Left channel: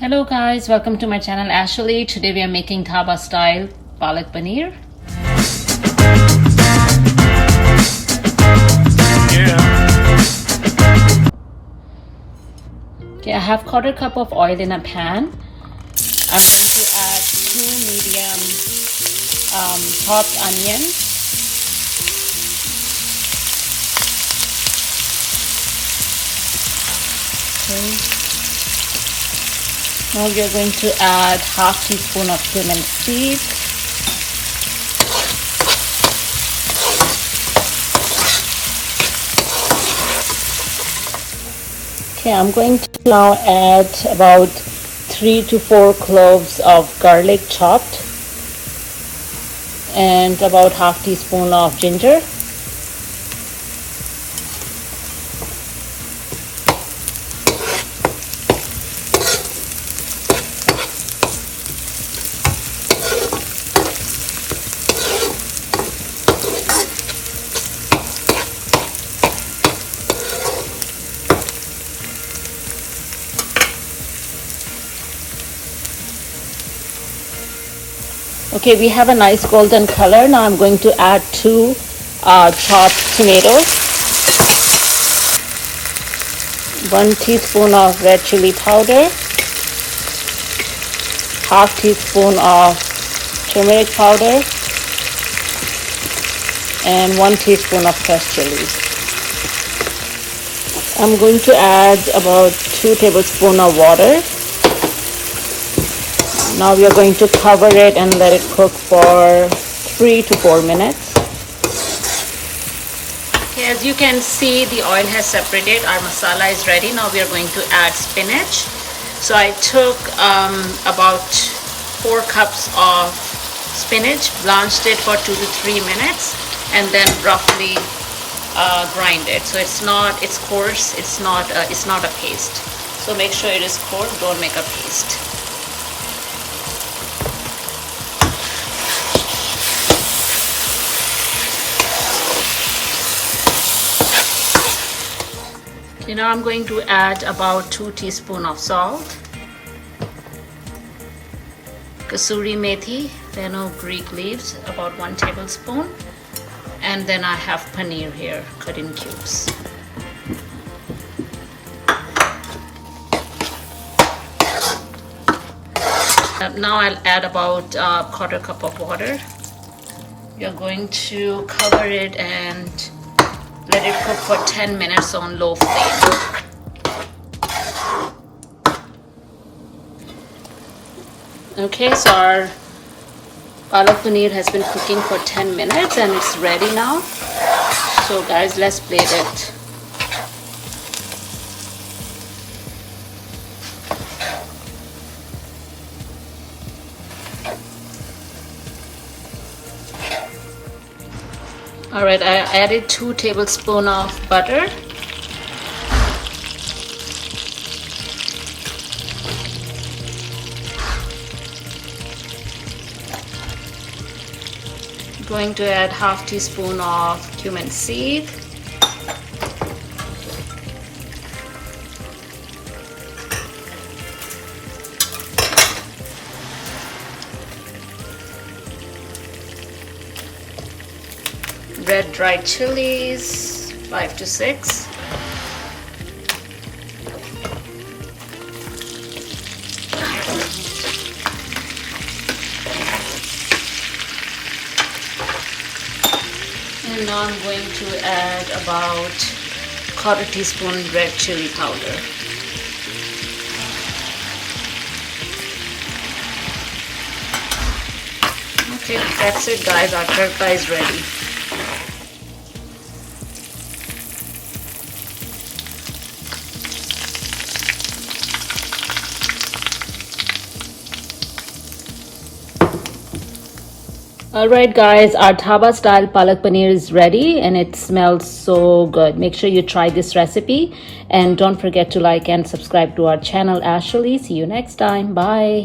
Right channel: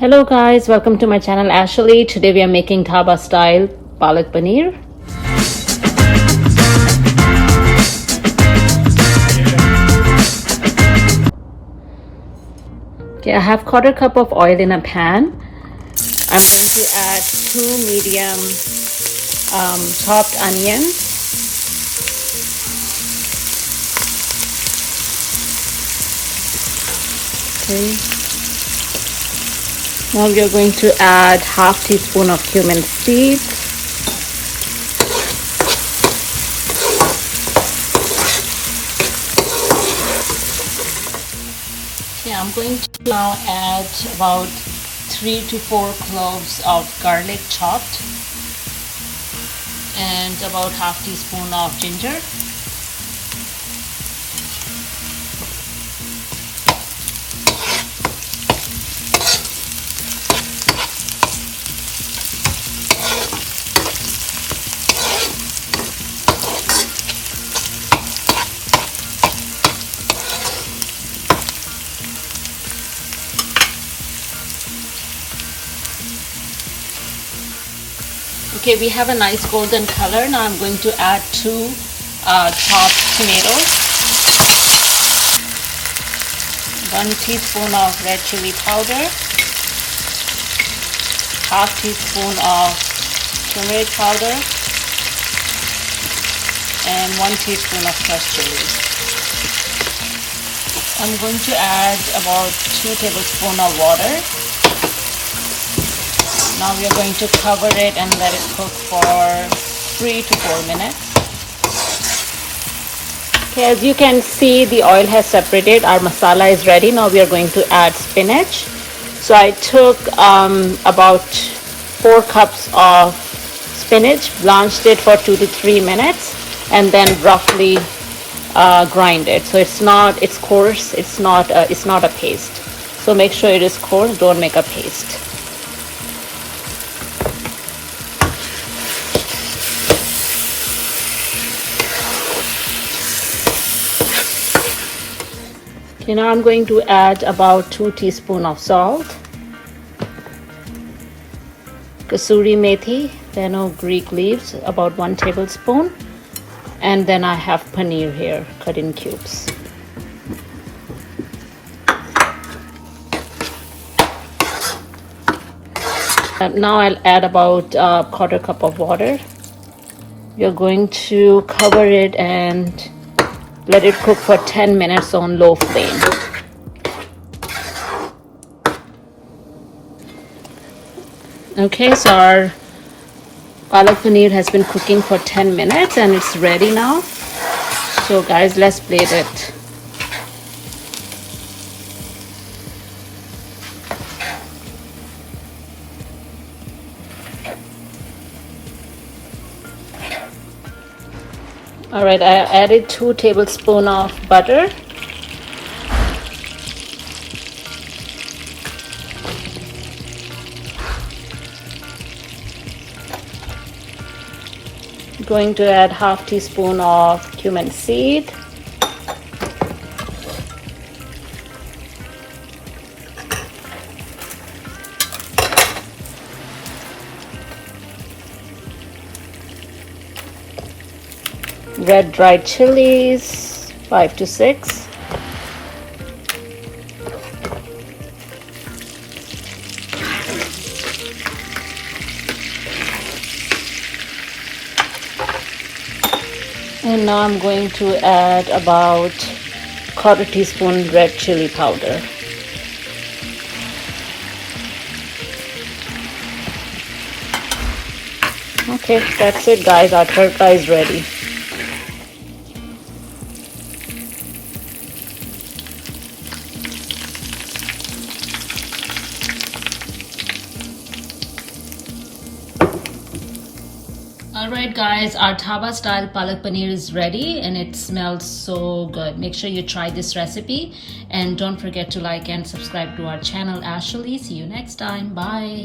Hello guys, welcome to my channel Ashley. Today we are making Dhaba style Palak Paneer. Okay, I have 1/4 cup of oil in a pan. I'm going to add 2 medium chopped onion. Okay. Now we're going to add 1/2 teaspoon of cumin seed. Okay, I'm going to now add about 3 to 4 cloves of garlic chopped and about 1/2 teaspoon of ginger. Okay, we have a nice golden color. Now I'm going to add 2 chopped tomatoes, 1 teaspoon of red chilli powder, 1/2 teaspoon of turmeric powder, and 1 teaspoon of crushed chillies. I'm going to add about 2 tablespoons of water. Now we are going to cover it and let it cook for 3 to 4 minutes. Okay, as you can see, the oil has separated. Our masala is ready. Now we are going to add spinach. So I took about 4 cups of spinach, blanched it for 2 to 3 minutes, and then roughly grind it. So it's coarse. It's not a paste. So make sure it is coarse. Don't make a paste. Okay, now I'm going to add about 2 teaspoons of salt, kasuri methi, fenugreek leaves, about 1 tablespoon, and then I have paneer here cut in cubes. Now I'll add about 1/4 cup of water. You're going to cover it and let it cook for 10 minutes on low flame. Okay, so our Palak Paneer has been cooking for 10 minutes and it's ready now. So guys, let's plate it. All right, I added 2 tablespoons of butter. Going to add 1/2 teaspoon of cumin seed. Red dried chillies, 5 to 6. And now I'm going to add about 1/4 teaspoon red chilli powder. Okay, that's it guys, our tarka is ready. Alright guys, our Dhaba style Palak Paneer is ready and it smells so good. Make sure you try this recipe and don't forget to like and subscribe to our channel Ashley. See you next time. Bye.